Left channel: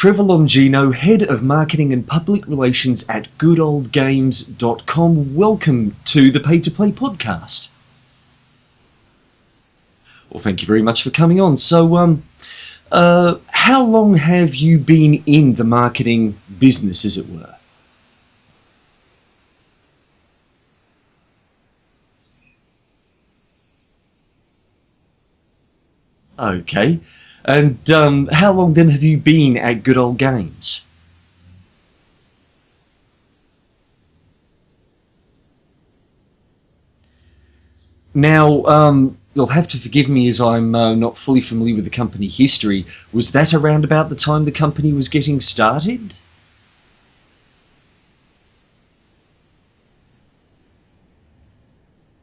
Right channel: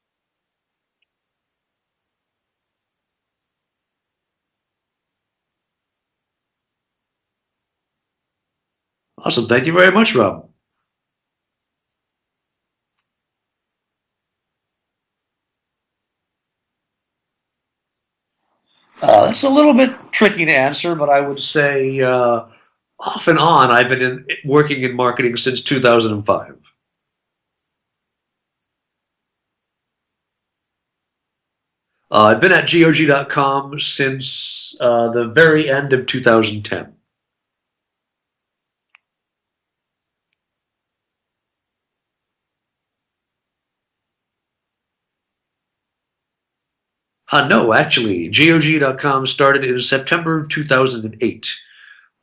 Trevor Longino, Head of Marketing and Public Relations at goodoldgames.com. Welcome to the Pay to Play podcast. Awesome. Thank you very much, Rob. Well, thank you very much for coming on. So, how long have you been in the marketing business, as it were? That's a little bit tricky to answer, but I would say off and on, I've been working in marketing since 2005. Okay. And how long then have you been at Good Old Games? I've been at GOG.com since the very end of 2010. Now, you'll have to forgive me as I'm not fully familiar with the company history. Was that around about the time the company was getting started? No, actually, GOG.com started in September of 2008.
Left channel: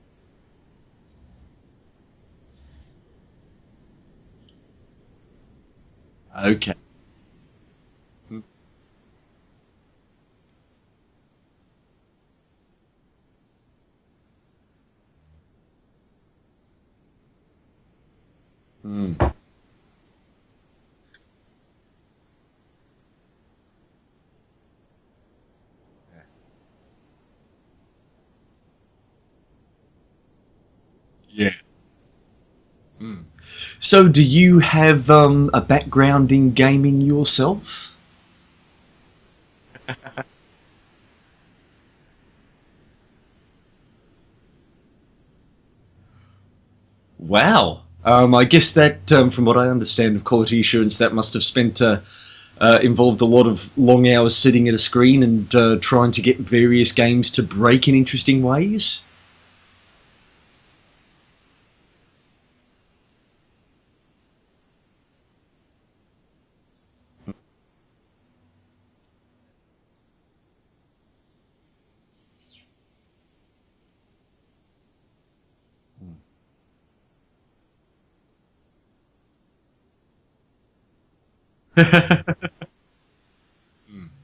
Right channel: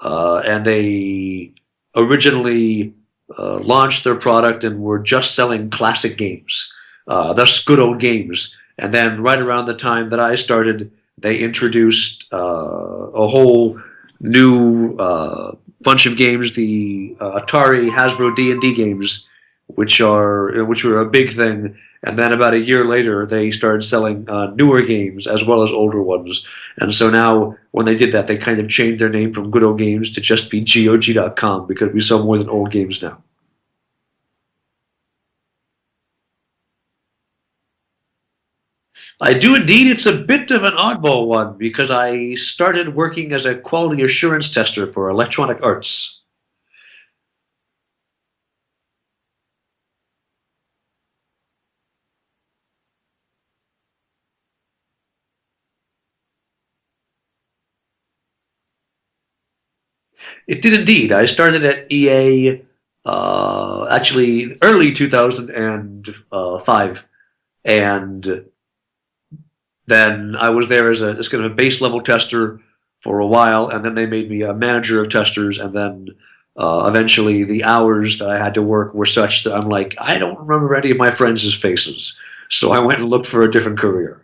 And they originally launched their product and were just selling classic games. Okay. Thus Good Old Games. And then right around the time that I started, they introduced a whole new bunch of games, the Atari Hasbro D&D games, which were a big thing. And then about a year later, they started selling newer games as well as older ones. And so now, when they did that, they kind of changed their name from Good Old Games to just be GOG.com because we sell more than old games now. So do you have a background in gaming yourself? I do indeed. It's a bit of an oddball one because I started working as a quality assurance tester for Electronic Arts. Wow. I guess that, from what I understand of quality assurance, that must have involved a lot of long hours sitting at a screen and trying to get various games to break in interesting ways? It did indeed. I started at EA actually early 2005, and then I was there as kind of a base level tester for a while, and then they made me a manager of testers, and then eventually the hours that I had to work were such that I'm like, I don't remember any of my friends' faces. So I went and looked for a different career.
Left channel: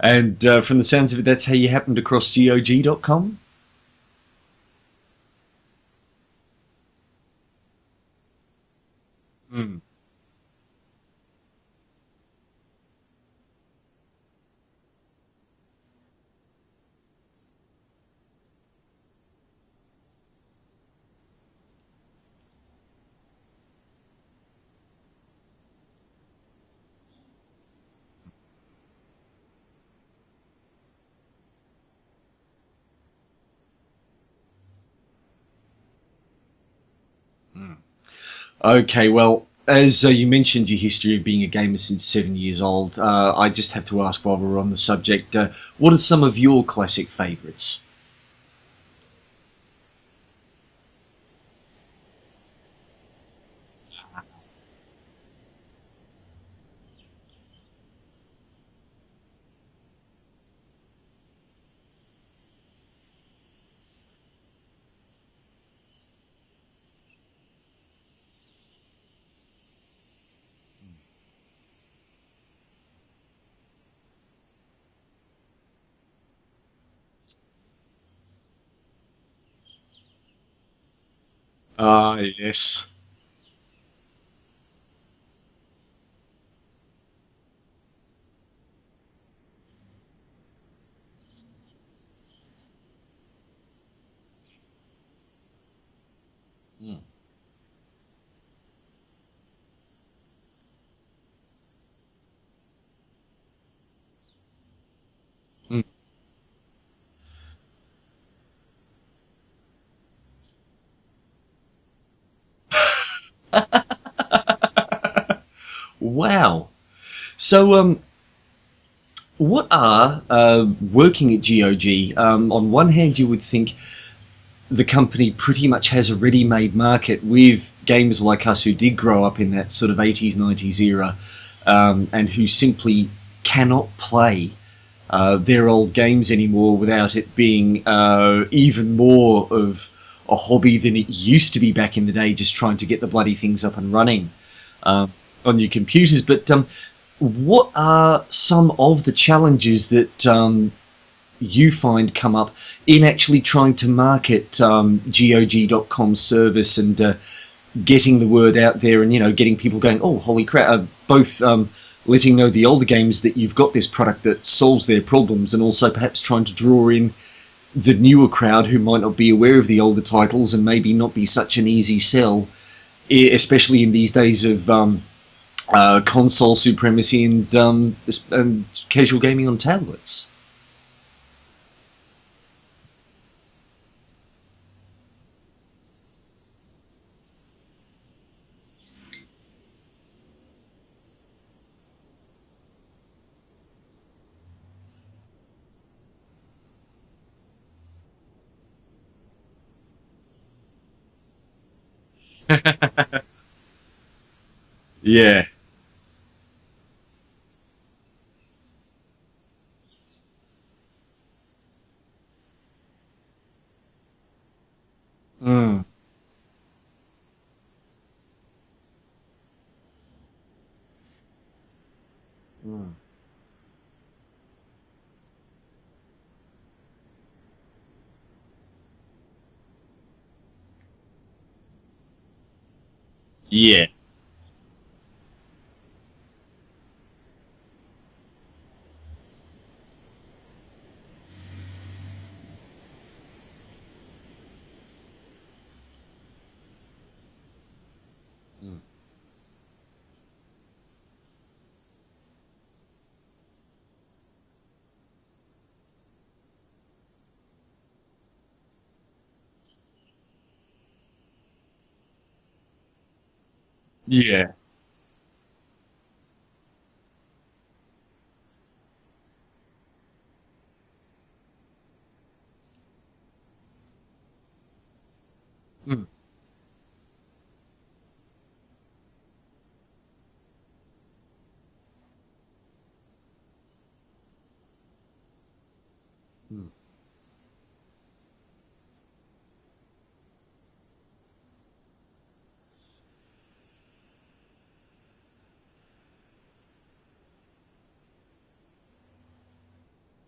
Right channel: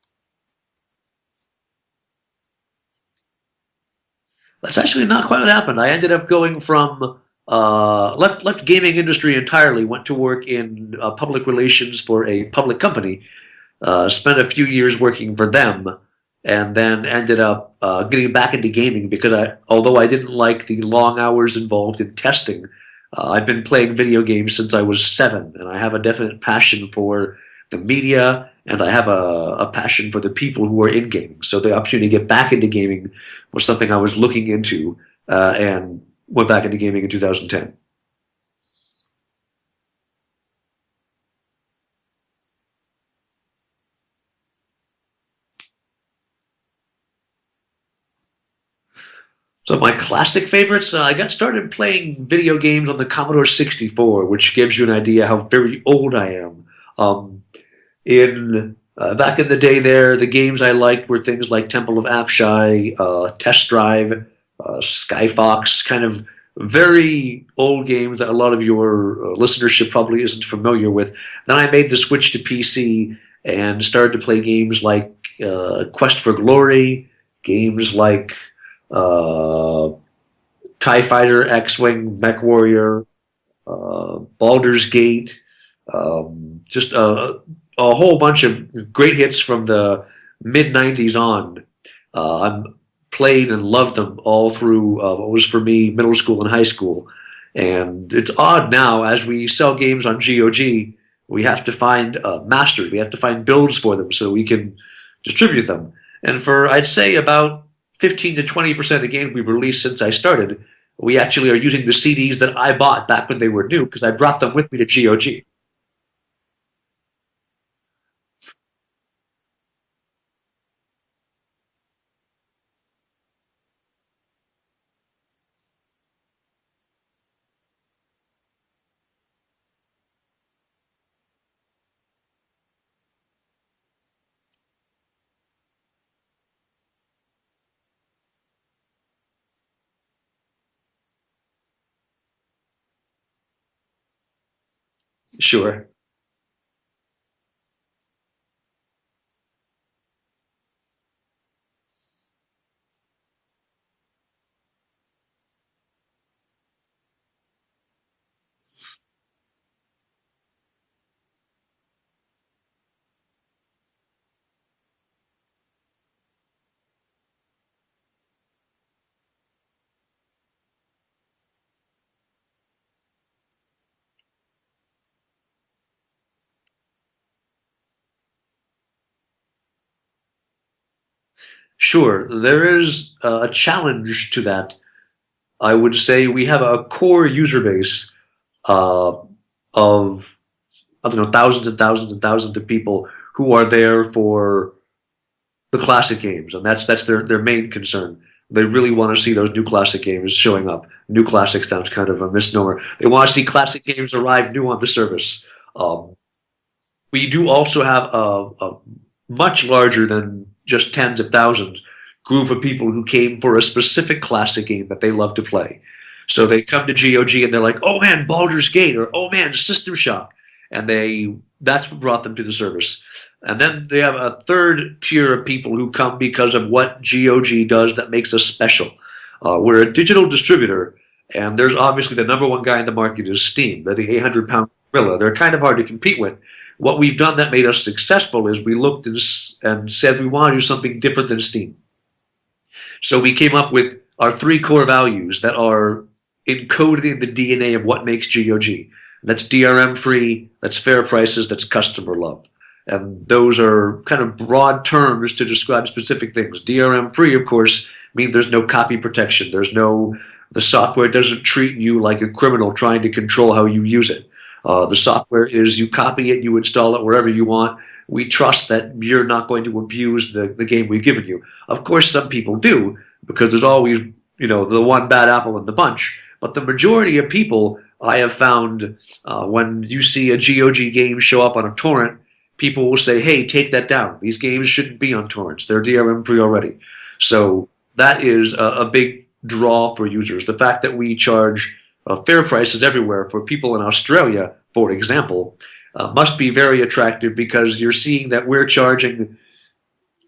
And from the sounds of it, that's how you happened across GOG.com? That's actually not quite what happened. I ended up going from left gaming industry entirely, went to work in public relations for a public company, spent a few years working for them, and then ended up getting back into gaming because although I didn't like the long hours involved in testing, I've been playing video games since I was 7, and I have a definite passion for the media, and I have a passion for the people who are in gaming. So the opportunity to get back into gaming was something I was looking into, and went back into gaming in 2010. Okay, well, as you mentioned your history of being a gamer since 7 years old, I just have to ask while we're on the subject, what are some of your classic favourites? So my classic favorites, I got started playing video games on the Commodore 64, which gives you an idea how very old I am. Back in the day there, the games I liked were things like Temple of Apshai, Test Drive, Skyfox, kind of very old games that a lot of your listenership probably isn't familiar with. Then I made the switch to PC and started to play games like Quest for Glory, games like TIE Fighter, X-Wing, Mech Warrior, Baldur's Gate, just a whole bunch of great hits from the mid-90s on. I'm played and loved them all through what was for me middle school and high school. And it's odd now, as we sell games on GOG, we have to find masters. We have to find builds for them so we can distribute them. And for, I'd say, about 15 to 20% of the games we've released since I started, we actually are using the CDs that I bought back when they were new because I brought them with me to GOG. Wow. So, what are, working at GOG, on one hand you would think the company pretty much has a ready-made market with gamers like us who did grow up in that sort of 80s, 90s era, and who simply cannot play their old games anymore without it being even more of a hobby than it used to be back in the day, just trying to get the bloody things up and running on your computers. But what are some of the challenges that you find come up in actually trying to market GOG.com service and getting the word out there and, you know, getting people going, oh, holy crap, both letting know the older games that you've got this product that solves their problems, and also perhaps trying to draw in the newer crowd who might not be aware of the older titles and maybe not be such an easy sell, especially in these days of console supremacy and casual gaming on tablets. Sure, there is a challenge to that. I would say we have a core user base of, I don't know, thousands and thousands and thousands of people who are there for the classic games, and that's their main concern. They really want to see those new classic games showing up. New classic sounds kind of a misnomer. They want to see classic games arrive new on the service. Yeah. We do also have a much larger than just tens of thousands group of people who came for a specific classic game that they love to play. So they come to GOG and they're like, oh man, Baldur's Gate, or oh man, System Shock. And that's what brought them to the service. And then they have a third tier of people who come because of what GOG does that makes us special. We're a digital distributor, and there's obviously the number one guy in the market is Steam. Yeah. They're the 800-pound gorilla. They're kind of hard to compete with. What we've done that made us successful is we looked and said we want to do something different than Steam. So we came up with our 3 core values that are encoded in the DNA of what makes GOG. That's DRM free, that's fair prices, that's customer love. And those are kind of broad terms to describe specific things. DRM free, of course, means there's no copy protection. The software doesn't treat you like a criminal trying to control how you use it. Yeah. The software is you copy it, you install it wherever you want. We trust that you're not going to abuse the game we've given you. Of course, some people do, because there's always, the one bad apple in the bunch. But the majority of people, I have found, when you see a GOG game show up on a torrent, people will say, hey, take that down. These games shouldn't be on torrents. They're DRM free already. So that is a big draw for users. The fact that we charge fair prices everywhere for people in Australia, for example, must be very attractive, because you're seeing that we're charging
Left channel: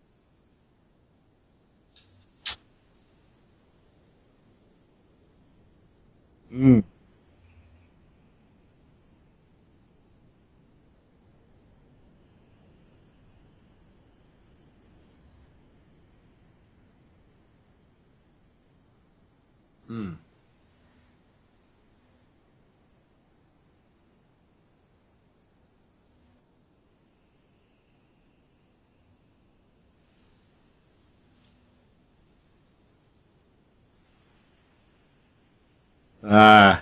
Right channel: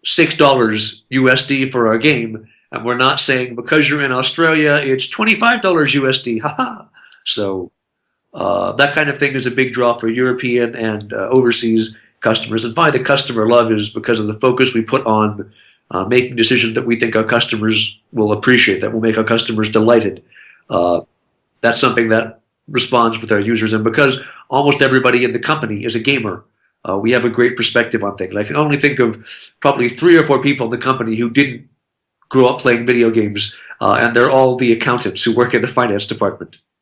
$6 USD for our game, and we're not saying because you're in Australia it's $25 USD. So that kind of thing is a big draw for European and overseas customers. And finally, the customer love is because of the focus we put on making decisions that we think our customers will appreciate, that will make our customers delighted. That's something that responds with our users. And because almost everybody in the company is a gamer, we have a great perspective on things. I can only think of probably 3 or 4 people in the company who didn't grow up playing video games, and they're all the accountants who work in the finance department.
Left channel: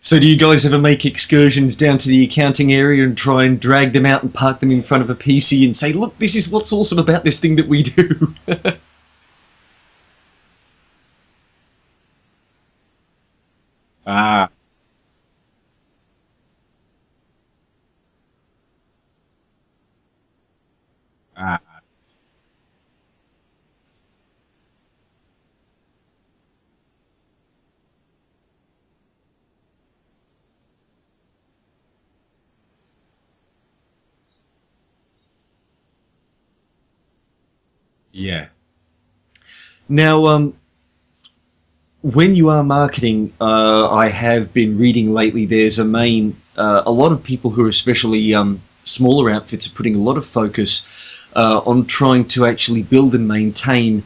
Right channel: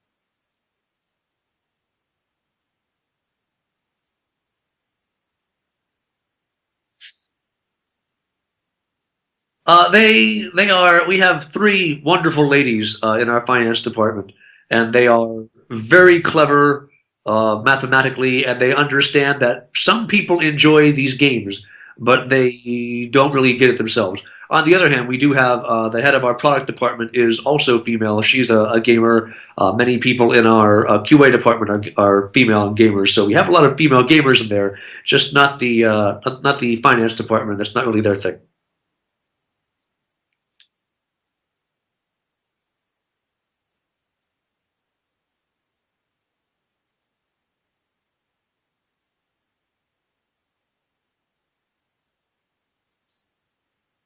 So do you guys ever make excursions down to the accounting area and try and drag them out and park them in front of a PC and say, look, this is what's awesome about this thing that we do? We have 3 wonderful ladies in our finance department, and they are very clever mathematically, and they understand that some people enjoy these games, but they don't really get it themselves. On the other hand, we do have the head of our product department is also female. She's a gamer. Many people in our QA department are female and gamers, so we have a lot of female gamers in there. Just not the finance department. That's not really their thing. Yeah. Now, when you are marketing, I have been reading lately. There's a lot of people who are especially smaller outfits are putting a lot of focus on trying to actually build and maintain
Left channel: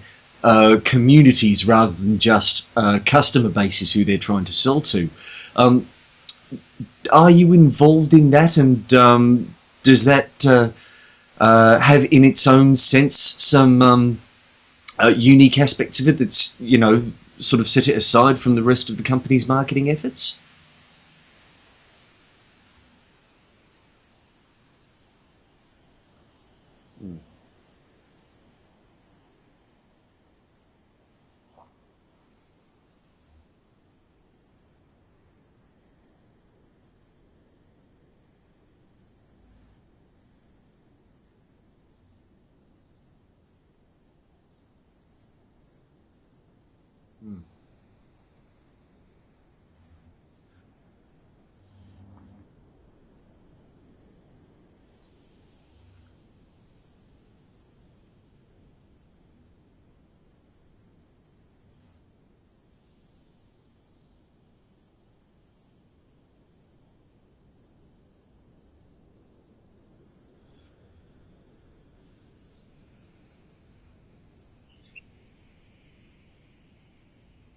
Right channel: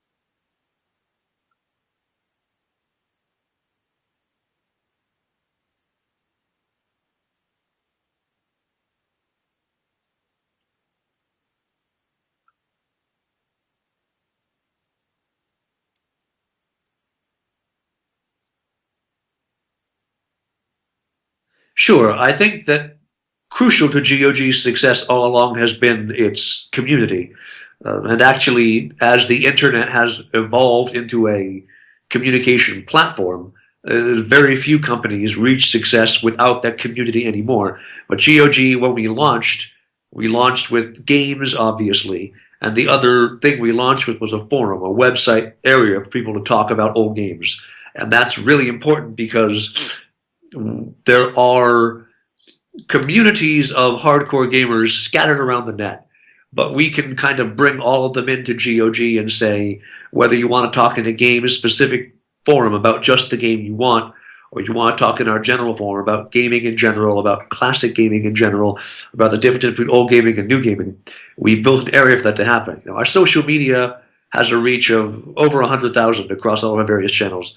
communities rather than just customer bases who they're trying to sell to. Are you involved in that, and does that have in its own sense some unique aspects of it that's, sort of set it aside from the rest of the company's marketing efforts? Sure. I think that crucial to GOG's success all along has been its community. And actually, as the internet has evolved into a communication platform, very few companies reach success without that community anymore. But GOG, when we launched with games, obviously, and the other thing we launched with was a forum, a website area for people to talk about old games. And that's really important because there are communities of hardcore gamers scattered around the net. But we can kind of bring all of them into GOG and say, whether you want to talk in a game-specific forum about just the game you want, or you want to talk in our general forum about gaming in general, about classic gaming in general, about the difference between old gaming and new gaming, we built an area for that to happen. Our social media has a reach of over 100,000 across all our various channels.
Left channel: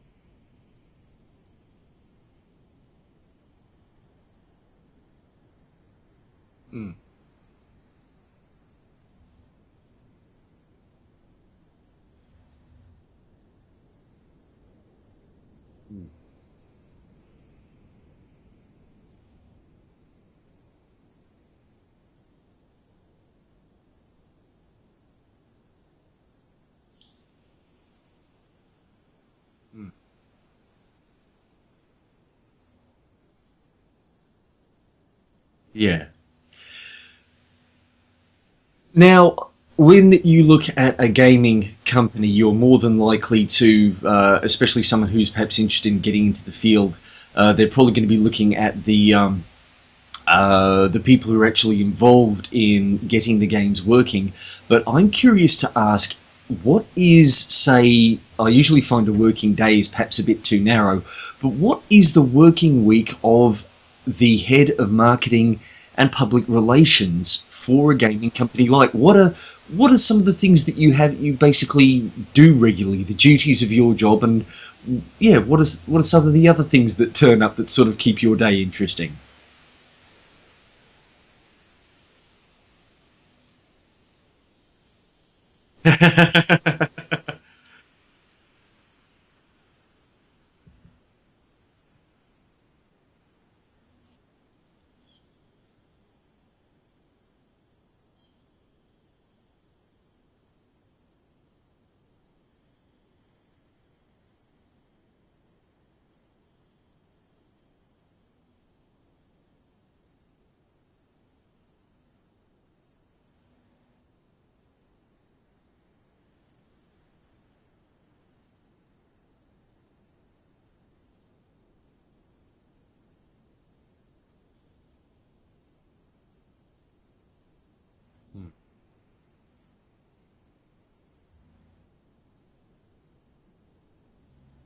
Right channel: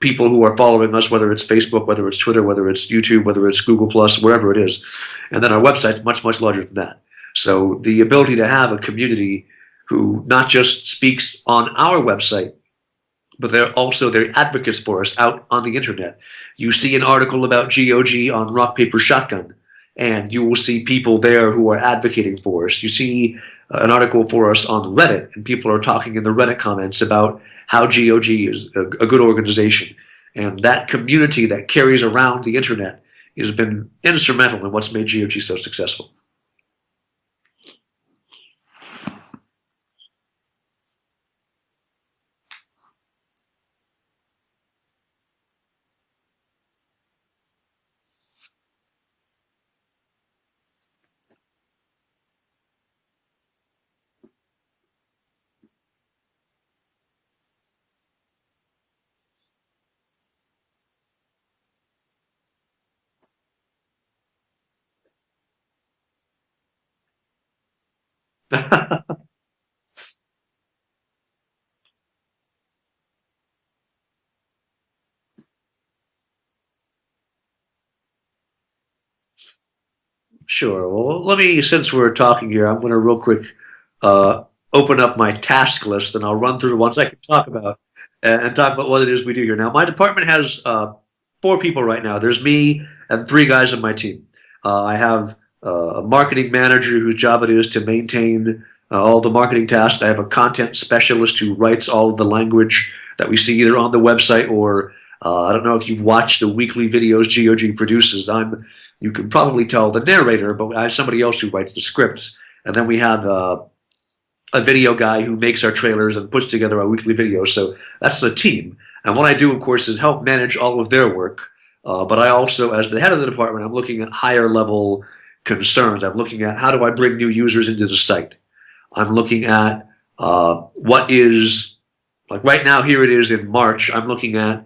People who are following us, whether it's Facebook, whether it's Twitter, whether it's YouTube, whether it's Google Plus, wherever it is. And then our website's much, much larger than that. So the ability to have a community who not just speaks on our website, but they're advocates for us out on the internet. You see an article about GOG on Rock Paper Shotgun, and you will see people there who are advocating for us. You see an article for us on Reddit, and people are talking in the Reddit comments about how GOG is a good organization. And that community that carries around the internet has been instrumental in what's made GOG so successful. Yeah. Now, when you look at a gaming company, you're more than likely to, especially someone who's perhaps interested in getting into the field, they're probably going to be looking at the people who are actually involved in getting the games working. But I'm curious to ask, what is, say, I usually find a working day is perhaps a bit too narrow, but what is the working week of the head of marketing and public relations for a gaming company? Like, what are some of the things that you basically do regularly, the duties of your job, and yeah, what are some of the other things that turn up that sort of keep your day interesting? Sure. Well, since we're talking here, I'm going to real quick open up my task list, and I'll run through the ones I can talk about and talk about what it is we do here. Now, my department has 4 people right now. There's me and 3 guys on my team. I have a marketing manager whose job it is to maintain all the marketing tasks. I have a content specialist who writes all of the language that we see either on the website or I don't know if you've watched the weekly videos GOG produces. You can probably tell the narrator, but I have somebody else who writes the scripts. And then we have a video guy who makes our trailers and puts together our weekly videos. So that's the team. And what I do, of course, is help manage all of their work. But I also, as the head of the department, I'm looking at higher level concerns. I'm looking at how do I bring new users into the site. I'm looking at what is, like right now, here it is in March, I'm looking at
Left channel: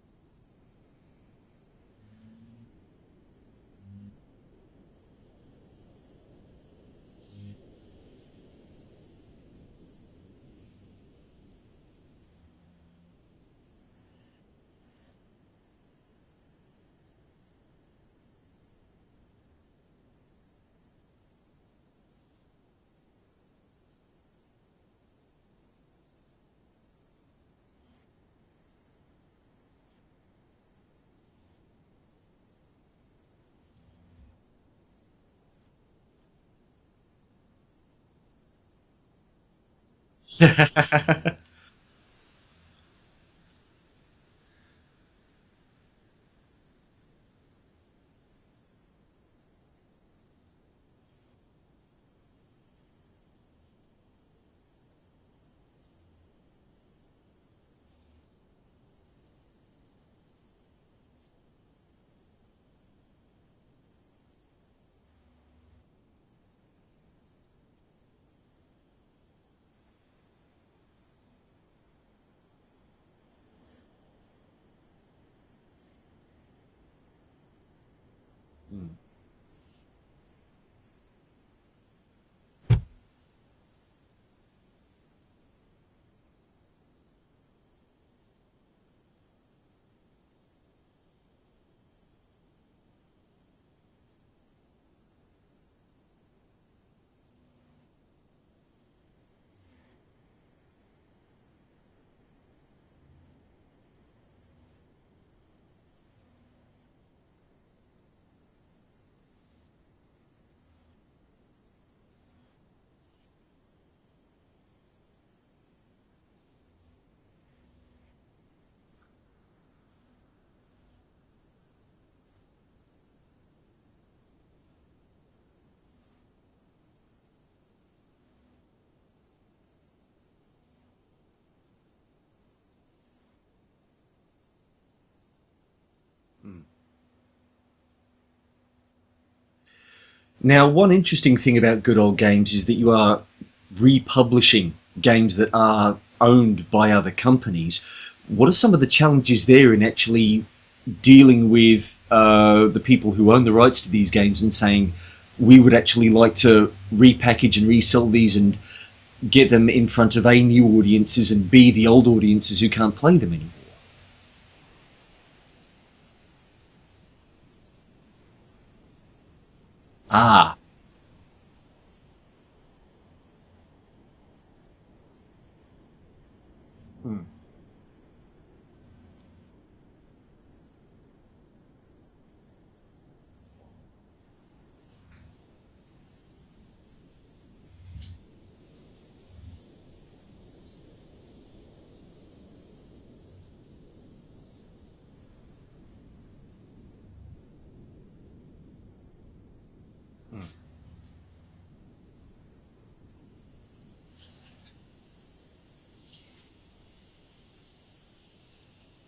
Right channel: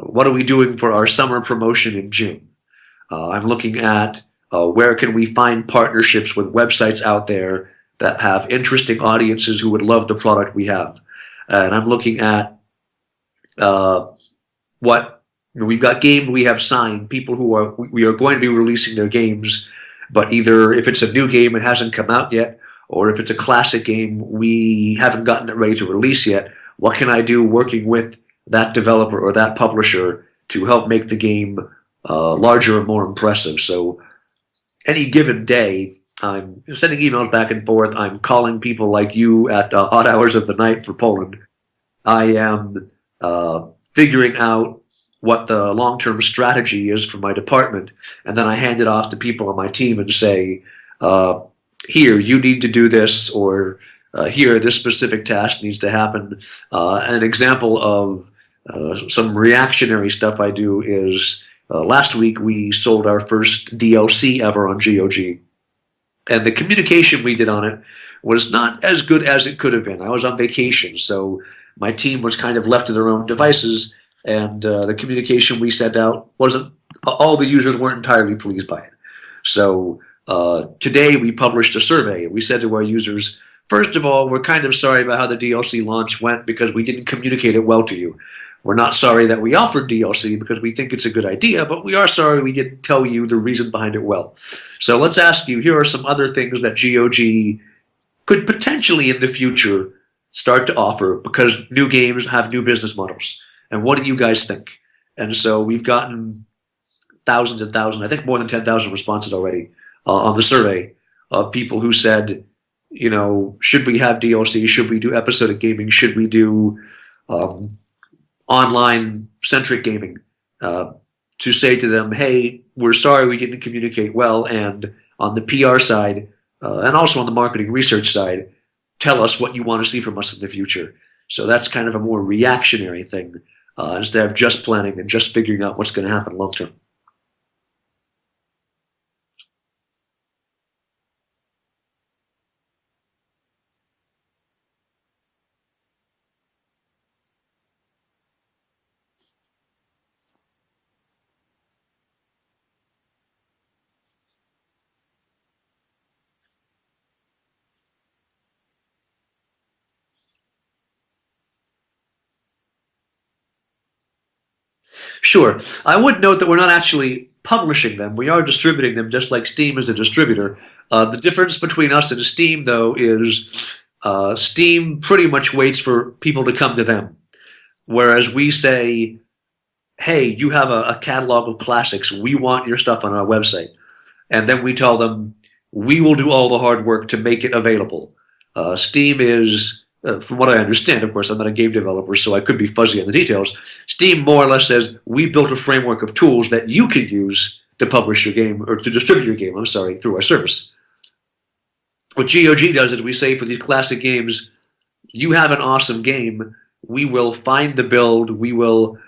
what are we doing for our summer promotion in June. I'm looking at where can we find partnerships with websites out there that have interesting audiences who would love the product we have. And I'm looking at we've got games we have signed, people we are going to be releasing their games, but either if it's a new game, it hasn't come out yet, or if it's a classic game, we haven't gotten it ready to release yet. What can I do working with that developer or that publisher to help make the game larger and more impressive? So any given day, I'm sending emails back and forth. I'm calling people like you at odd hours of the night for Poland. I am figuring out what the long-term strategy is for my department, and then I hand it off to people on my team and say, here, you need to do this, or here, this specific task needs to happen. An example of some reactionary stuff I do is last week we sold our first DLC ever on GOG. And the communication we did on it was not as good as it could have been. I was on vacation, so my team was kind of left to their own devices, and the communication we sent out wasn't – all the users weren't entirely pleased by it. So today we published a survey. We said to our users, first of all, we're kind of sorry about how the DLC launch went because we didn't communicate it well to you. We're not sorry that we offered DLC because we think it's a good idea, but we are sorry we didn't tell you the reason behind it well. So let's ask you, here are some other things that GOG could potentially in the future start to offer because new games have new business models. And what do you guys think? And so we've gotten thousands and thousands, I think more than 10,000 responses already on the survey of people who said, you know, should we have DLC? Should we do episodic gaming? Should we do online-centric gaming? To say to them, hey, we're sorry we didn't communicate well, and on the PR side and also on the marketing research side, tell us what you want to see from us in the future. So that's kind of a more reactionary thing instead of just planning and just figuring out what's going to happen long term. Now, one interesting thing about Good Old Games is that you are republishing games that are owned by other companies. What are some of the challenges there in actually dealing with the people who own the rights to these games and saying, we would actually like to repackage and resell these and get them in front of A, new audiences, and B, the old audiences who can't play them anymore? Sure. I would note that we're not actually publishing them. We are distributing them just like Steam is a distributor. The difference between us and Steam, though, is Steam pretty much waits for people to come to them. Whereas we say, hey, you have a catalog of classics. We want your stuff on our website. And then we tell them, we will do all the hard work to make it available. Steam is, from what I understand, of course, I'm not a game developer, so I could be fuzzy on the details. Steam more or less says, we built a framework of tools that you can use to publish your game, or to distribute your game, through our service. What GOG does is we say for these classic games, you have an awesome game. We will find the build. We will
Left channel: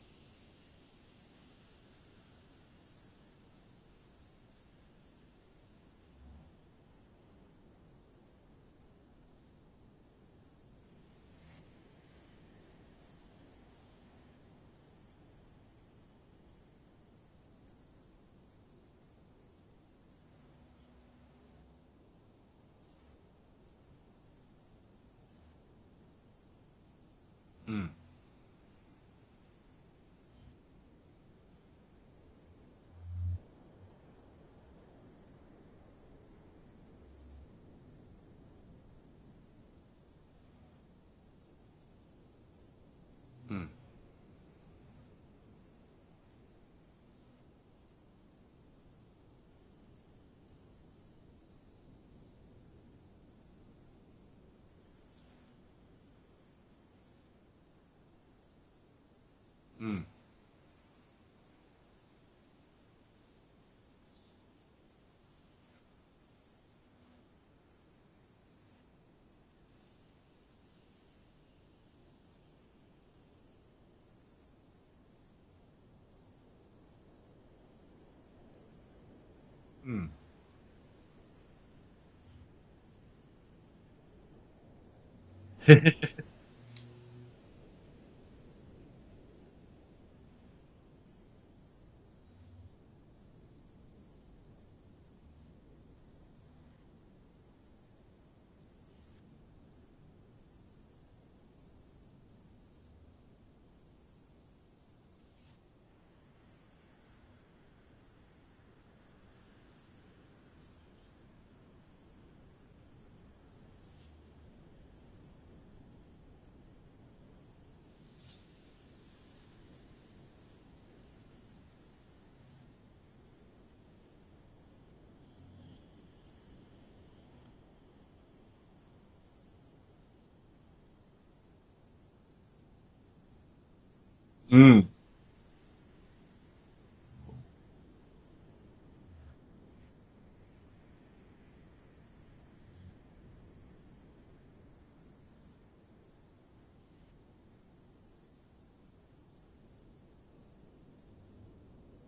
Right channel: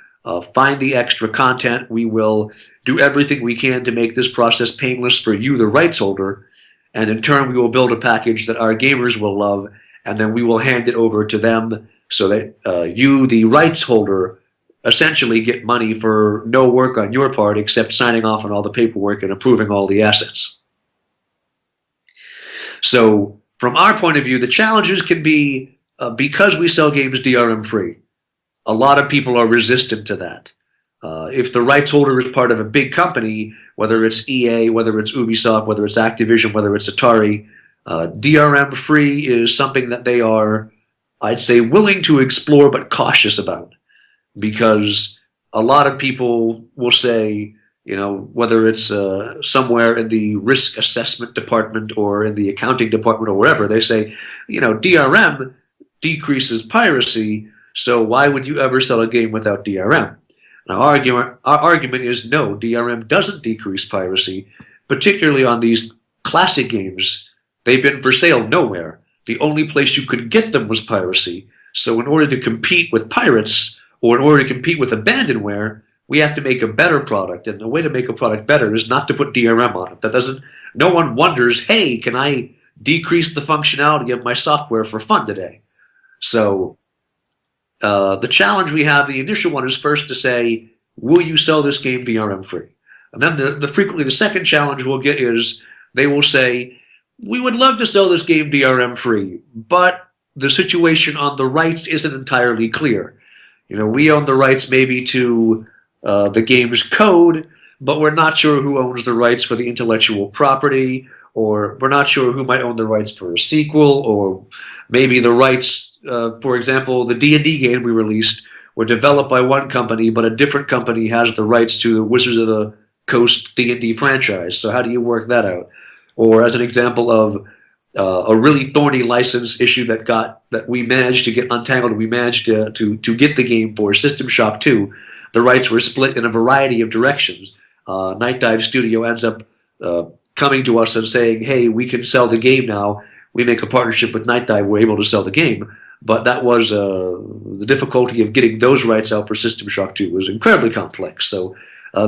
find the extra content. We will do everything we can to make this process painless for you, the rights holder. And in turn, we will build a package that our gamers will love, and then we will hand it over to them so that you, the rights holder, essentially get money for no work on your part except signing off on all the paperwork and approving all the assets. So from our point of view, the challenges can be because we sell games DRM free. A lot of people are resistant to that. If the rights holder is part of a big company, whether it's EA, whether it's Ubisoft, whether it's Activision, whether it's Atari, DRM free is something that they are, I'd say, willing to explore but cautious about, because a lot of people will say, whether it's somewhere in the risk assessment department or in the accounting department or wherever, they say, DRM decreases piracy, so why would you ever sell a game without DRM? Now, our argument is no, DRM doesn't decrease piracy, particularly on these classic games. They've been for sale nowhere. The only place you could get them was piracy. So in order to compete with pirates, or in order to compete with abandonware, we have to make a better product. And the way to make a product better is not to put DRM on it. No one wonders, hey, can I decrease the functionality of my software for fun today? So the challenge we have, the initial one, is first to say, will you sell this game DRM free? And then frequently the second challenge we'll get is they will say, we would love to sell this game DRM free, but the situation on the rights isn't entirely clear. We own the rights maybe to the game's code, but we're not sure who owns the rights for the intellectual property, or we're not sure who might own the rights for a sequel, or maybe the rights, for example, the D&D game we released were developed by one company, but a different company has the rights to the Wizards of the Coast D&D franchise. So how do you work that out? Or as an example of a really thorny license issue that we managed to get untangled, we managed to get the game for System Shock 2. The rights were split in a variety of directions. Night Dive Studio ends up coming to us and saying, hey, we can sell the game now. We make a partnership with Night Dive. We're able to sell the game. But that was the difficulty of getting those rights out for System Shock 2 was incredibly complex. So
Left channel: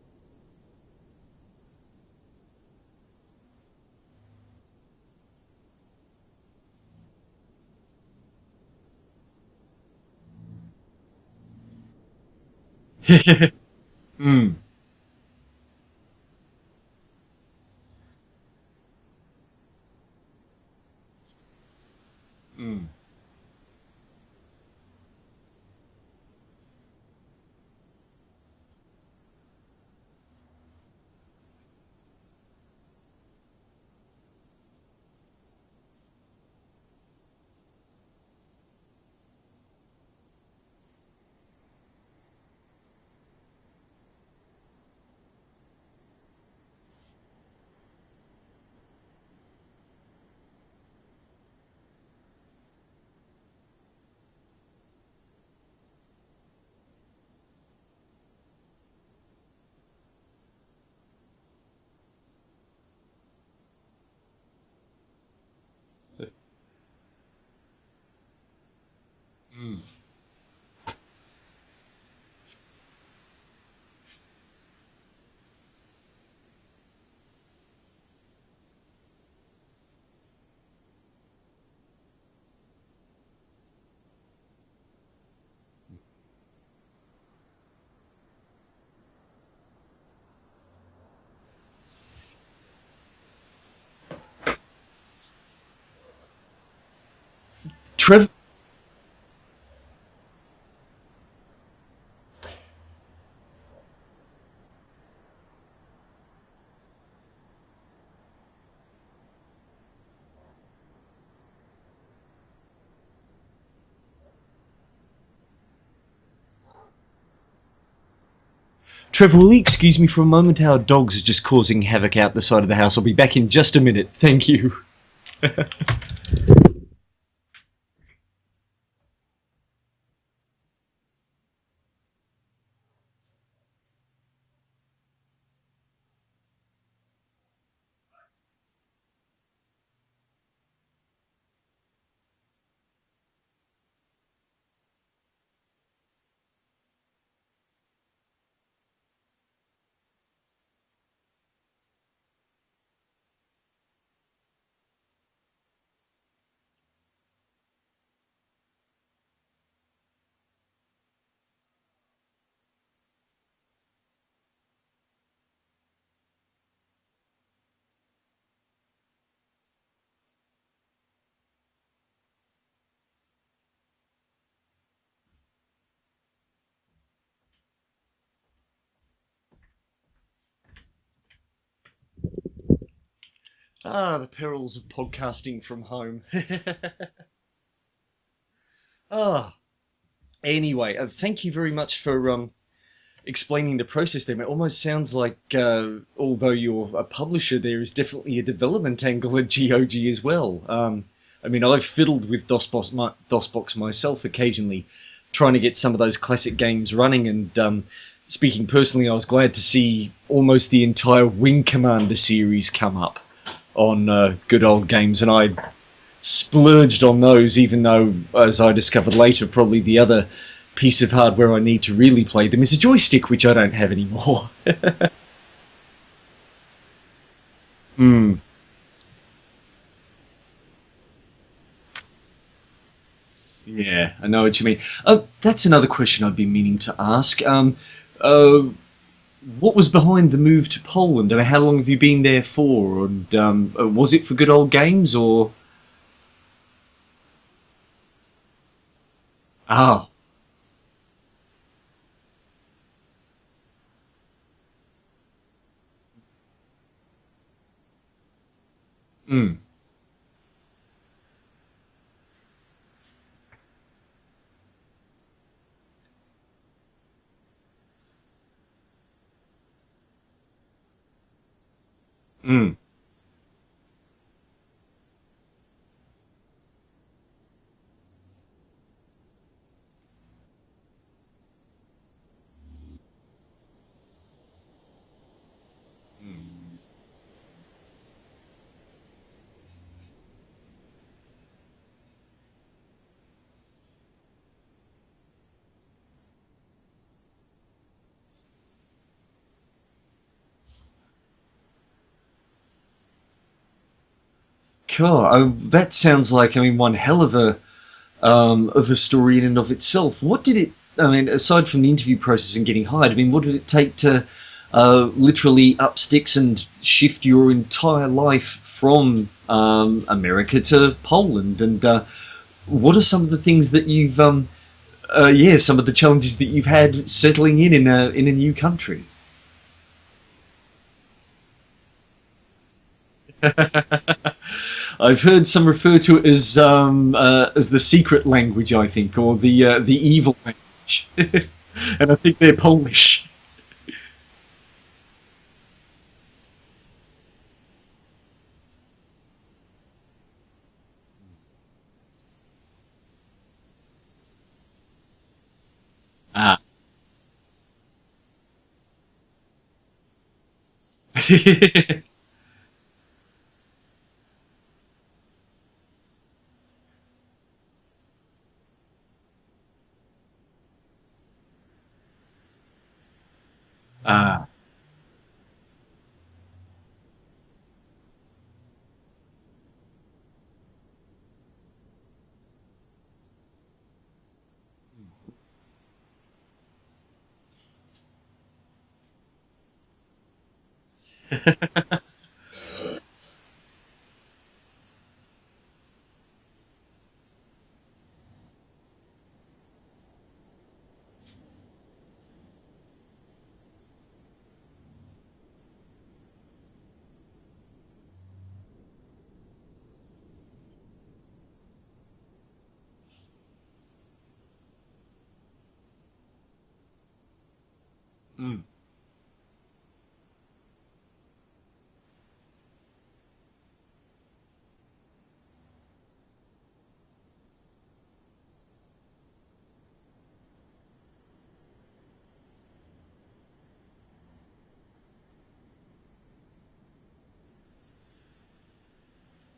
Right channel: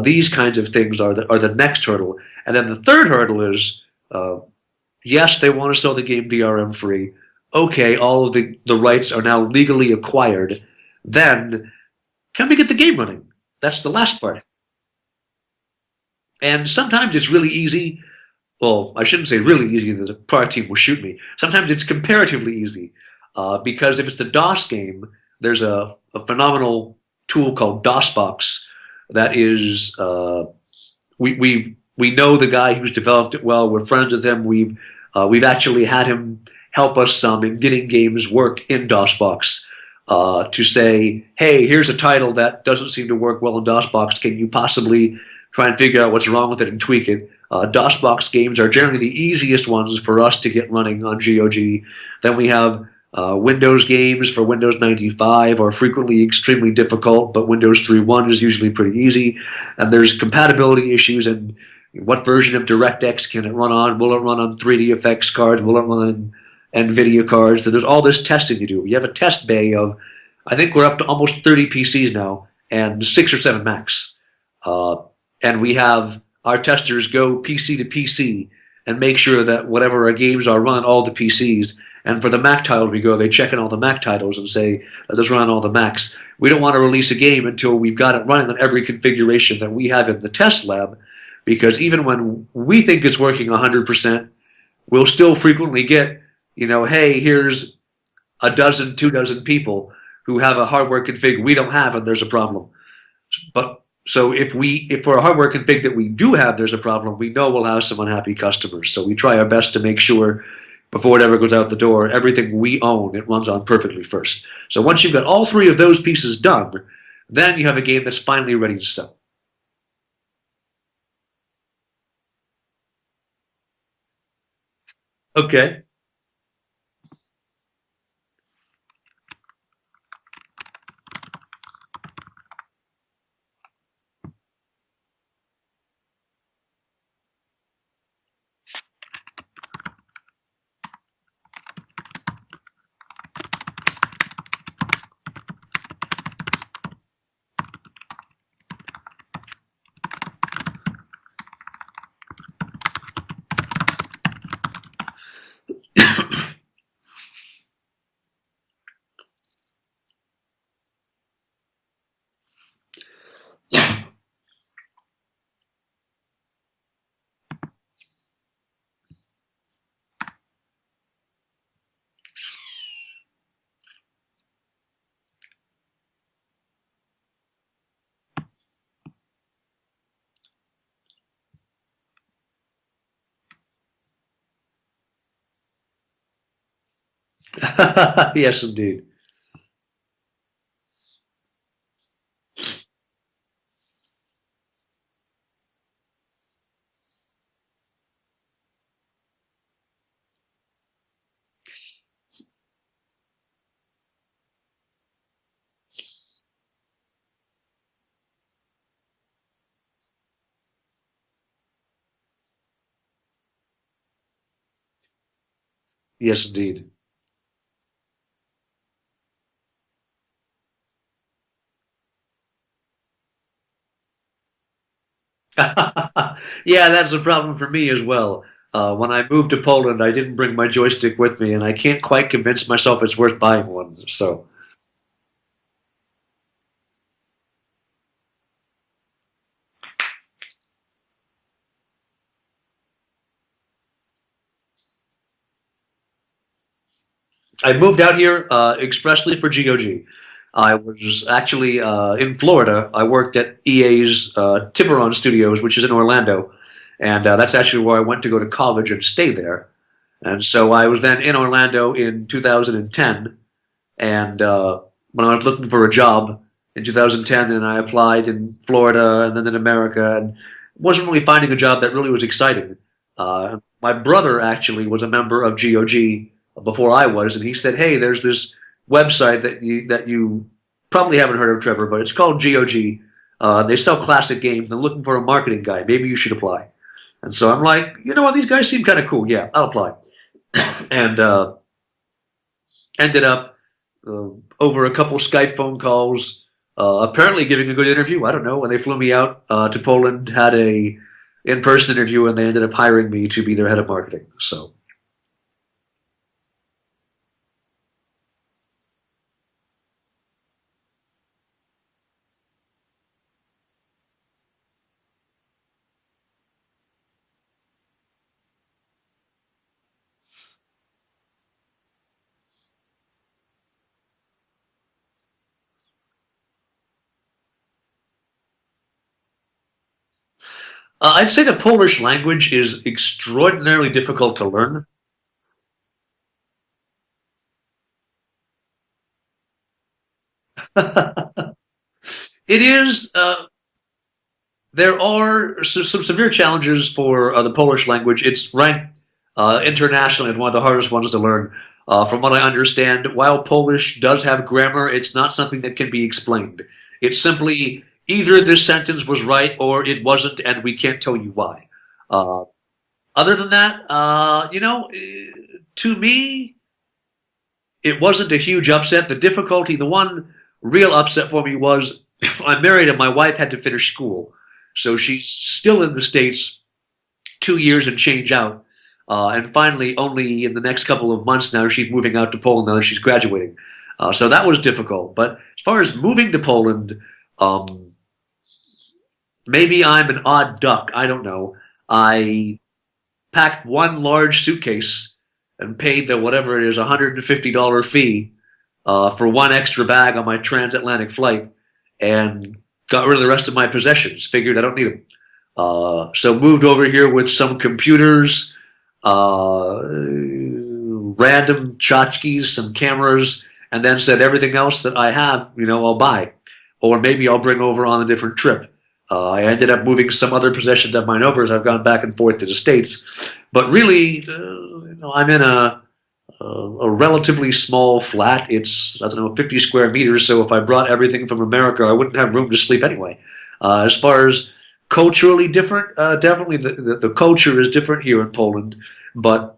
these kinds of things are the next hurdle. And then the third hurdle is, yes, they want to sell the game DRM free. Okay, all of the rights are now legally acquired. Then can we get the game running? That's the last part. And sometimes it's really easy. Well, I shouldn't say really easy. The product team will shoot me. Sometimes it's comparatively easy. Because if it's the DOS game, there's a phenomenal tool called DOSBox that is we know the guy who's developed it well. We're friends with him. We've actually had him help us some in getting games work in DOSBox to say, hey, here's a title that doesn't seem to work well in DOSBox. Can you possibly try and figure out what's wrong with it and tweak it? DOSBox games are generally the easiest ones for us to get running on GOG. Then we have Windows games for Windows 95 are frequently extremely difficult, but Windows 3.1 is usually pretty easy. And there's compatibility issues and what version of DirectX can it run on? Will it run on 3D effects cards? Will it run on NVIDIA cards? So there's all this testing you do. You have a test bay of, I think we're up to almost 30 PCs now and 6 or 7 Macs. And we have our testers go PC to PC and make sure that whatever our games are run on all the PCs. And for the Mac titles we go, they check in all the Mac titles and say, let us run on all the Macs. We don't want to release a game until we've got it running on every configuration that we have in the test lab, because even when we think it's working 100%, we'll still frequently get, hey, here's a dozen, 2 dozen people who have a hardware config we don't have, and there's a problem. But so if for a hardware config that we do have, there's a problem, we know we'll have some unhappy customers. So we try our best to make sure before it ever goes out the door, everything we own, it runs on perfectly first. So once you've got all 3 of those pieces done, then you have a game that's finally ready to sell. Trevor, will you excuse me for a moment? Our dogs are just causing havoc out the side of the house. I'll be back in just a minute. Thank you. Okay. Ah, the perils of podcasting from home. Yes, indeed. Anyway, thank you very much for explaining the process there. It almost sounds like, although you're a publisher, there is definitely a development angle at GOG as well. I mean, I've fiddled with DOSBox myself occasionally, trying to get some of those classic games running, and speaking personally, I was glad to see almost the entire Wing Commander series come up on good old games, and I splurged on those, even though, as I discovered later, probably the other piece of hardware I need to really play them is a joystick, which I don't have anymore. Yeah, that's a problem for me as well. When I moved to Poland, I didn't bring my joystick with me, and I can't quite convince myself it's worth buying one. Yeah, so. I know what you mean. That's another question I've been meaning to ask. What was behind the move to Poland? I mean, how long have you been there for? And was it for good old games, or? I moved out here expressly for GOG. Oh. I was actually in Florida. I worked at EA's Tiburon Studios, which is in Orlando, and that's actually where I went to go to college and stay there. And so I was then in Orlando in 2010, and when I was looking for a job in 2010, and I applied in Florida and then in America, and wasn't really finding a job that really was exciting. My brother actually was a member of GOG before I was, and he said, hey, there's this website that you probably haven't heard of, Trevor, but it's called GOG. They sell classic games. They're looking for a marketing guy. Maybe you should apply. And so I'm like, you know what, these guys seem kind of cool. Yeah, I'll apply. And ended up over a couple Skype phone calls, apparently giving a good interview. I don't know. When they flew me out to Poland, had a in-person interview, and they ended up hiring me to be their head of marketing. So cool. Oh, that sounds like, I mean, one hell of a story in and of itself. What did it? I mean, aside from the interview process and getting hired, I mean, what did it take to literally up sticks and shift your entire life from America to Poland? And what are some of the things that you've, some of the challenges that you've had settling in a new country? I'd say the Polish language is extraordinarily difficult to learn. I've heard some refer to it as the secret language, I think, or the evil language. And I think they're Polish. There are some severe challenges for the Polish language. It's ranked internationally as one of the hardest ones to learn. From what I understand, while Polish does have grammar, it's not something that can be explained. It's simply either this sentence was right or it wasn't, and we can't tell you why. Other than that, to me, it wasn't a huge upset. The difficulty, the one real upset for me was I'm married and my wife had to finish school. So she's still in the States 2 years and change out. And finally, only in the next couple of months now, she's moving out to Poland now that she's graduating. So that was difficult. But as far as moving to Poland, um, maybe I'm an odd duck. I don't know. I packed one large suitcase and paid the whatever it is $150 fee for one extra bag on my transatlantic flight, and got rid of the rest of my possessions. Figured I don't need them. So moved over here with some computers, random tchotchkes, some cameras, and then said everything else that I have, I'll buy, or maybe I'll bring over on a different trip. I ended up moving some other possessions of mine over as I've gone back and forth to the States. But really, I'm in a relatively small flat. It's, I don't know, 50 square meters. So if I brought everything from America, I wouldn't have room to sleep anyway. As far as culturally different, definitely the culture is different here in Poland. But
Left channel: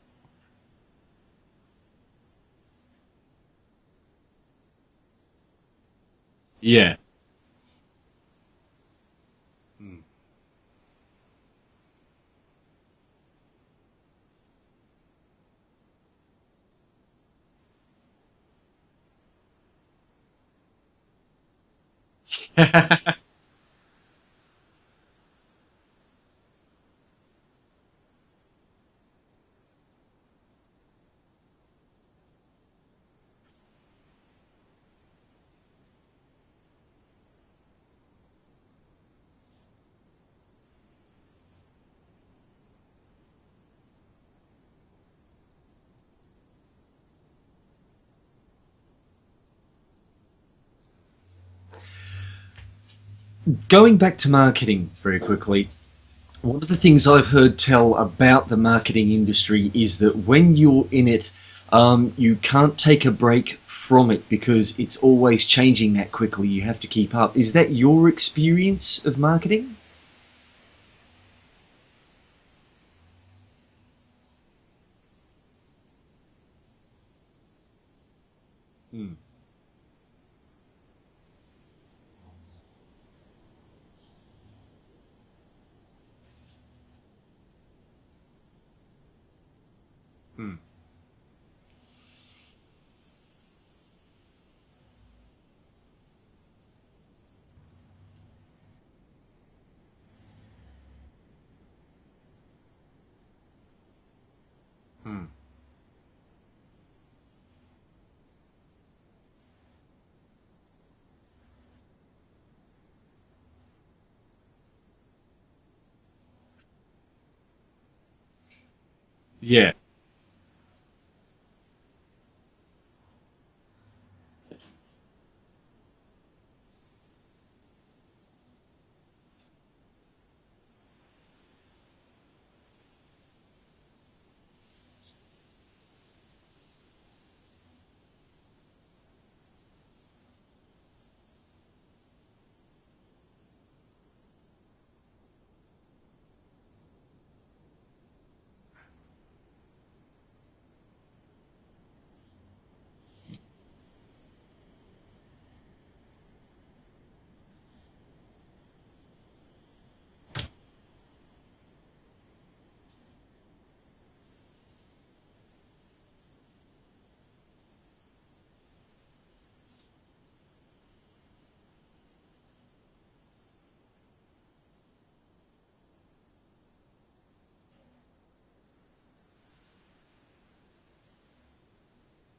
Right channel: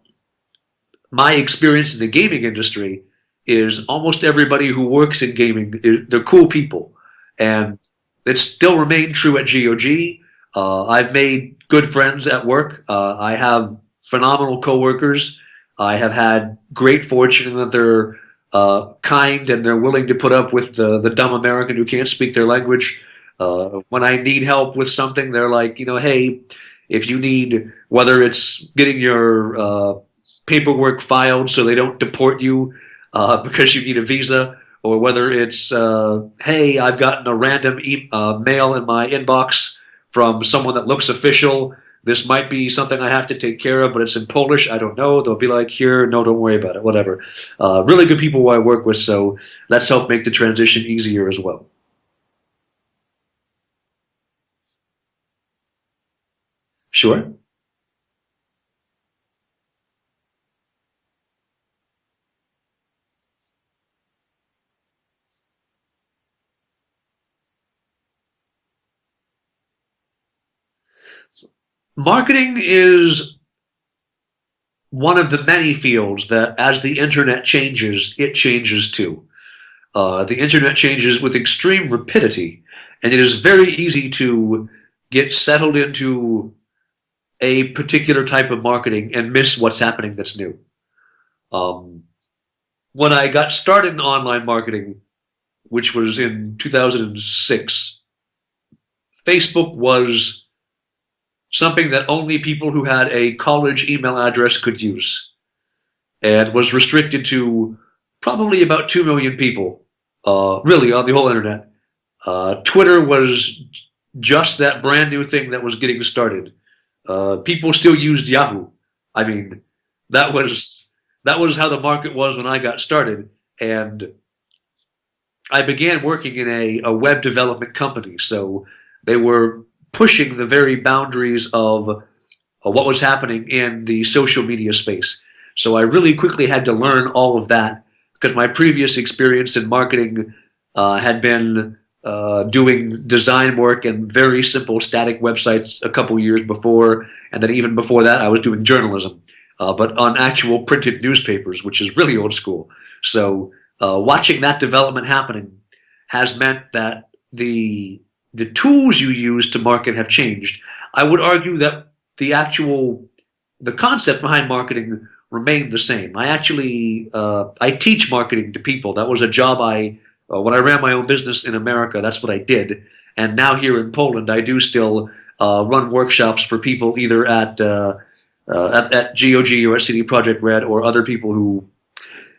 my experience in the gaming industry is almost everybody who works in gaming, they're cool people. Yeah. And it still remained true at GOG. I've made good friends at work. I have phenomenal coworkers. I have had great fortune that they're kind and they're willing to put up with the dumb American who can't speak their language. When I need help with something, they're like, hey, if you need, whether it's getting your paperwork filed so they don't deport you because you need a visa, or whether it's, hey, I've gotten a random mail in my inbox from someone that looks official. This might be something I have to take care of, but it's in Polish. I don't know. They'll be like, here, no, don't worry about it, whatever. Really good people who I work with, so that's helped make the transition easier as well. Going back to marketing very quickly, one of the things Sure. I've heard tell about the marketing industry is that when you're in it, you can't take a break from it because it's always changing that quickly. You have to keep up. Is that your experience of marketing? Marketing is one of the many fields that as the internet changes, it changes too. The internet changes with extreme rapidity, and it is very easy to get settled into a particular type of marketing and miss what's happening that's new. When I got started in online marketing, which was in 2006, Facebook was something that only people who had a college email address could use, and was restricted to probably about 2 million people, really, on the whole internet. Twitter was just that brand new thing that was getting started. People still used Yahoo. I mean, Yeah. that was how the market was when I got started, and I began working in a web development company. So they were pushing the very boundaries of what was happening in the social media space. So I really quickly had to learn all of that because my previous experience in marketing had been doing design work and very simple static websites a couple years before, and then even before that I was doing journalism, but on actual printed newspapers, which is really old school. So watching that development happening has meant that the tools you use to market have changed. I would argue that the concept behind marketing remained the same. I teach marketing to people. That was a job when I ran my own business in America, that's what I did. And now here in Poland, I do still run workshops for people either at GOG or at CD Projekt Red, or other people who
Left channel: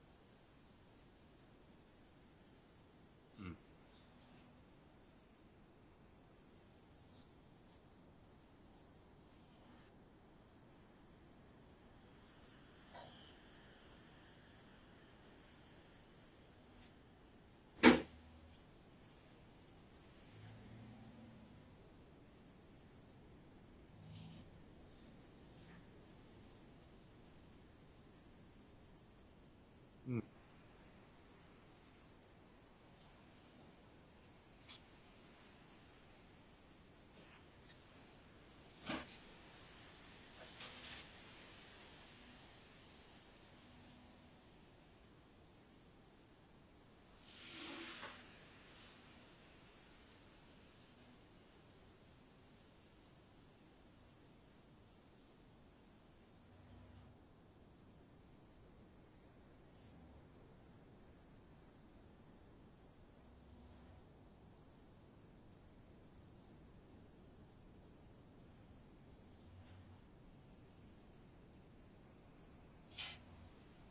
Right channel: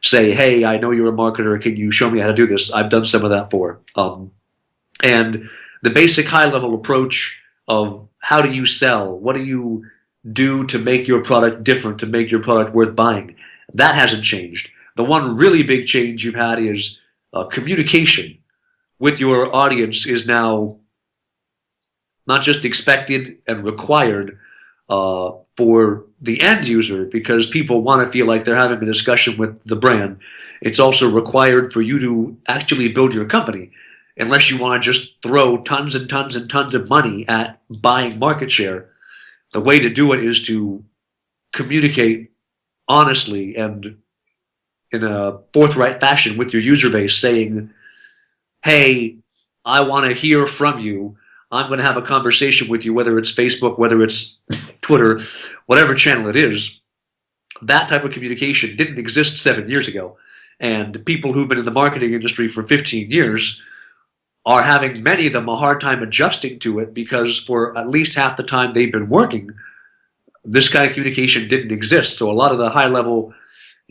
say, hey, I know you're a marketer. Can you show me how to do this? I've done some of that for. And the basic high-level approach of how do you sell, what do you do to make your product different, to make your product worth buying, that hasn't changed. The one really big change you've had is communication with your audience is now not just expected and required for the end user because people want to feel like they're having a discussion with the brand. It's also required for you to actually build your company. Unless you want to just throw tons and tons and tons of money at buying market share, the way to do it is to communicate honestly and in a forthright fashion with your user base, saying, hey, I want to hear from you. I'm going to have a conversation with you, whether it's Facebook, whether it's Twitter, whatever channel it is. that type of communication didn't exist 7 years ago. And people who've been in the marketing industry for 15 years are having, many of them, a hard time adjusting to it because for at least half the time they've been working, this kind of communication didn't exist. So a lot of the high level,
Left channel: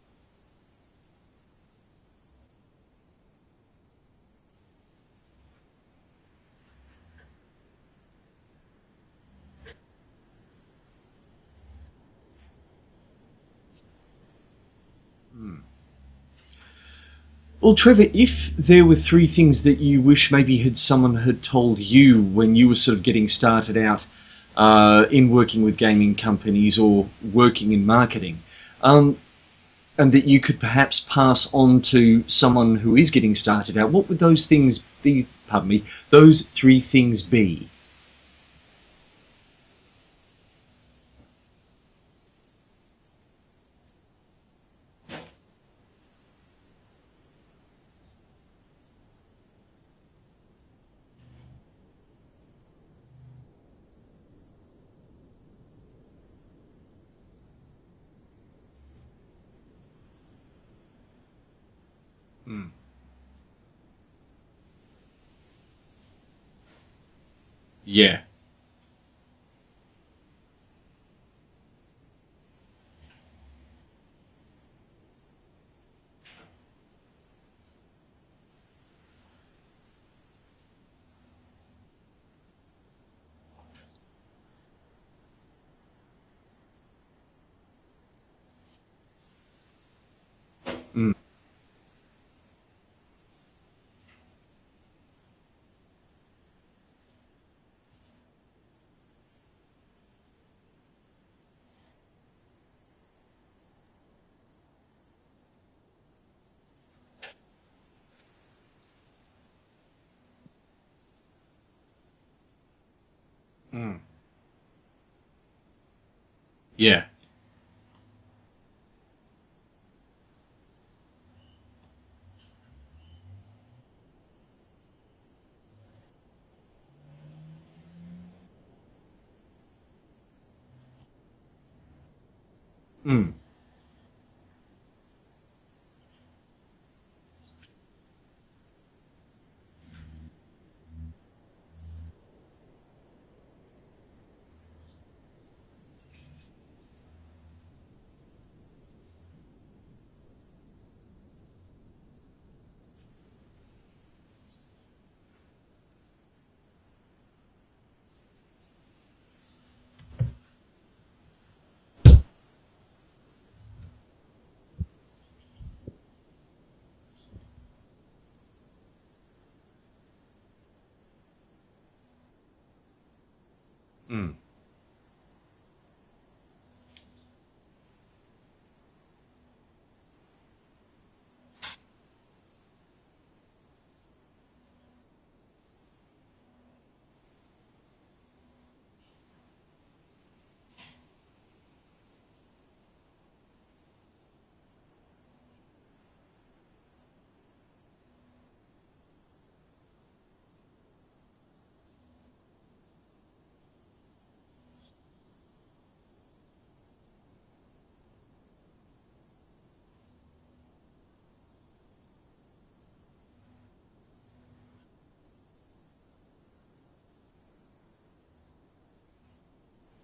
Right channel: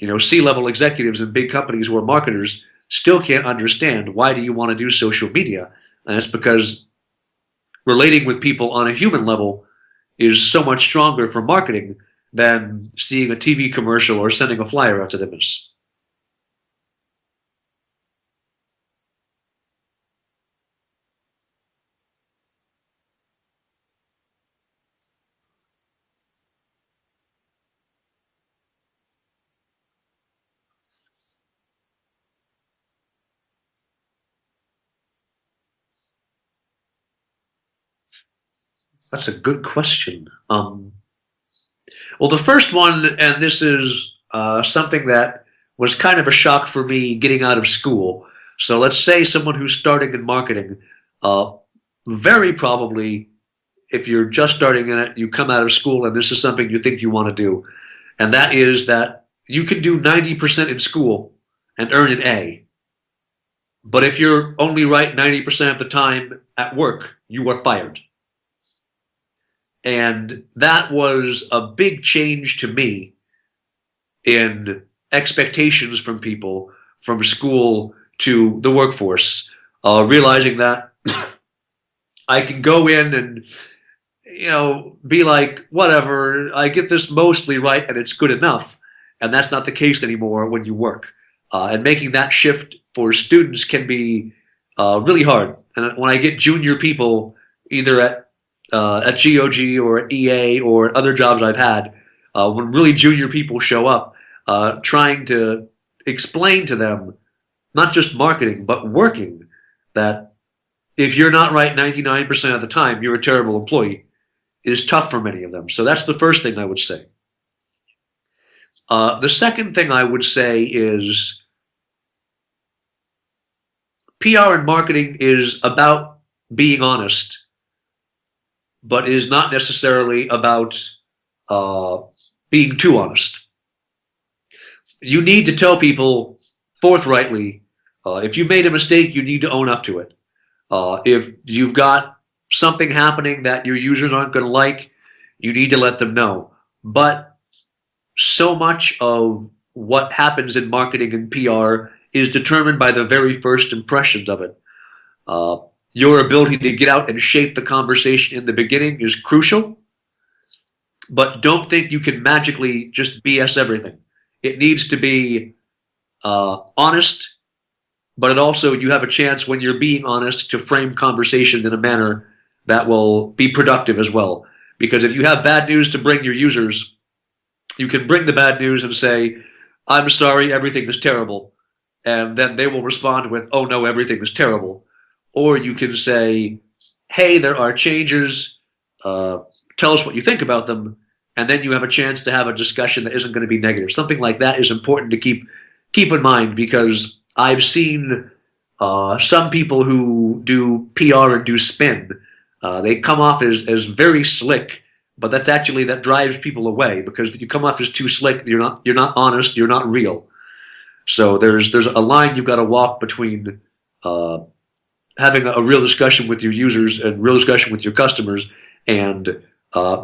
C-level executives in big companies who are marketers still can't understand, why do you want to do social media? And it's because relating with people on a human level is so much stronger for marketing than seeing a TV commercial or sending a flyer out to them. Well, Trevor, if there were three things that you wish maybe someone had told you when you were sort of getting started out in working with gaming companies or working in marketing, and that you could perhaps pass on to someone who is getting started out, what would those things be? Pardon me, those three things be? That's a good question. Well, the first one, and this is something that was kind of a shock for me getting out of school. So let's say someone who's starting in marketing, very probably, if you're just starting in it, you come out of school and this is something you think you want to do. And that is that you can do 90% in school and earn an A. But if you're only right 90% of the time at work, you are fired. Yeah. And that was a big change to me in expectations from people from school to the workforce, realizing that I can go in and, be like, whatever, I get this mostly right and it's good enough. And that's not the case anymore when you work. And making that shift for students can be really hard. And when I get junior people, either at GOG or at EA or at other jobs I've had, when really junior people show up, trying to explain to them, not just marketing, but working, that if you're not right 99% of the time, you're a terrible employee, is tough for many of them. So that's the first thing I would say. The second thing I would say is PR and marketing is about being honest, but is not necessarily about being too honest. You need to tell people forthrightly, if you made a mistake, you need to own up to it. If you've got something happening that your users aren't going to like, you need to let them know. But so much of what happens in marketing and PR is determined by the very first impressions of it. Your ability to get out and shape the conversation in the beginning is crucial, but don't think you can magically just BS everything. It needs to be honest, but you have a chance when you're being honest to frame conversation in a manner that will be productive as well. Because if you have bad news to bring your users, you can bring the bad news and say, I'm sorry, everything is terrible. And then they will respond with, oh no, everything is terrible. Or you can say, hey, there are changes, tell us what you think about them. And then you have a chance to have a discussion that isn't going to be negative. Something like that is important to keep in mind, because I've seen some people who do PR and do spin. They come off as very slick, but that drives people away, because you come off as too slick. You're not honest. You're not real. So there's a line you've got to walk between having a real discussion with your users and real discussion with your customers, and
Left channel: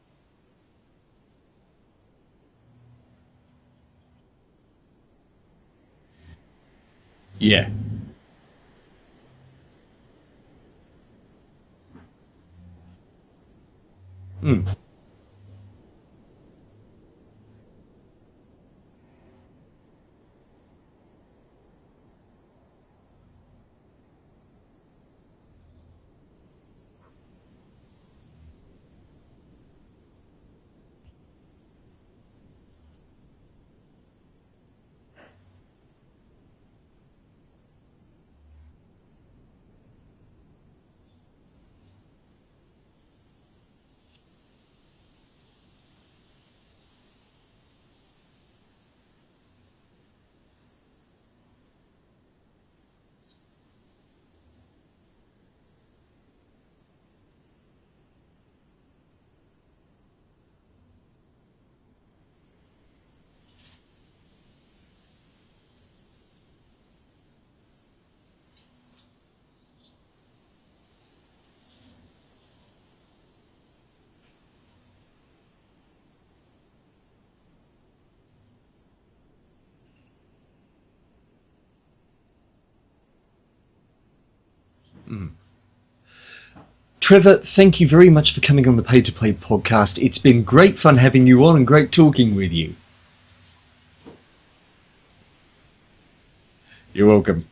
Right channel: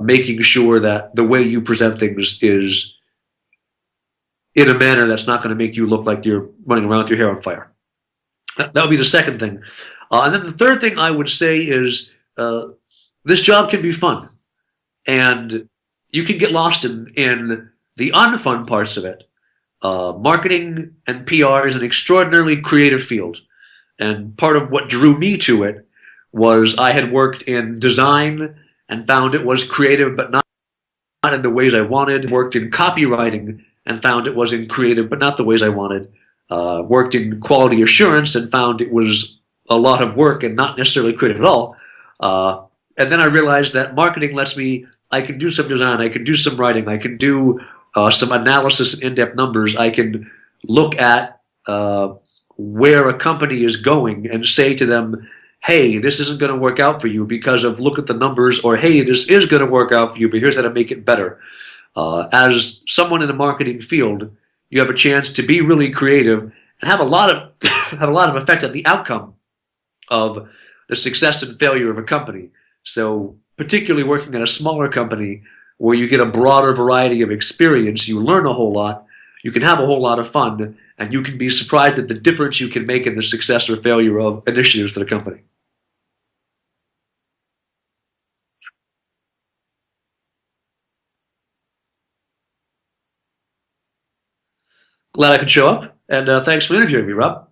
making sure that the way you present things is in a manner that's not going to make you look like you're running around with your hair on fire. Yeah. That would be the second thing. And then the third thing I would say is this job can be fun. And you can get lost in the unfun parts of it. Marketing and PR is an extraordinarily creative field. And part of what drew me to it was I had worked in design and found it was creative, but not in the ways I wanted. Worked in copywriting and found it wasn't creative, but not the ways I wanted. Worked in quality assurance and found it was a lot of work and not necessarily creative at all. And then I realized that marketing I can do some design, I can do some writing, I can do some analysis and in-depth numbers. I can look at where a company is going and say to them, hey, this isn't going to work out for you because of look at the numbers, or hey, this is going to work out for you, but here's how to make it better. As someone in the marketing field, you have a chance to be really creative and have a lot of have a lot of effect on the outcome of the success and failure of a company. So particularly working at a smaller company where you get a broader variety of experience, you learn a whole lot, you can have a whole lot of fun, and you can be surprised at the difference you can make in the success or failure of initiatives for the company. Trevor, thank you very much for coming on the Pay to Play podcast. It's been great fun having you on and great talking with you. Glad I could show up, and thanks for interviewing me, Rob.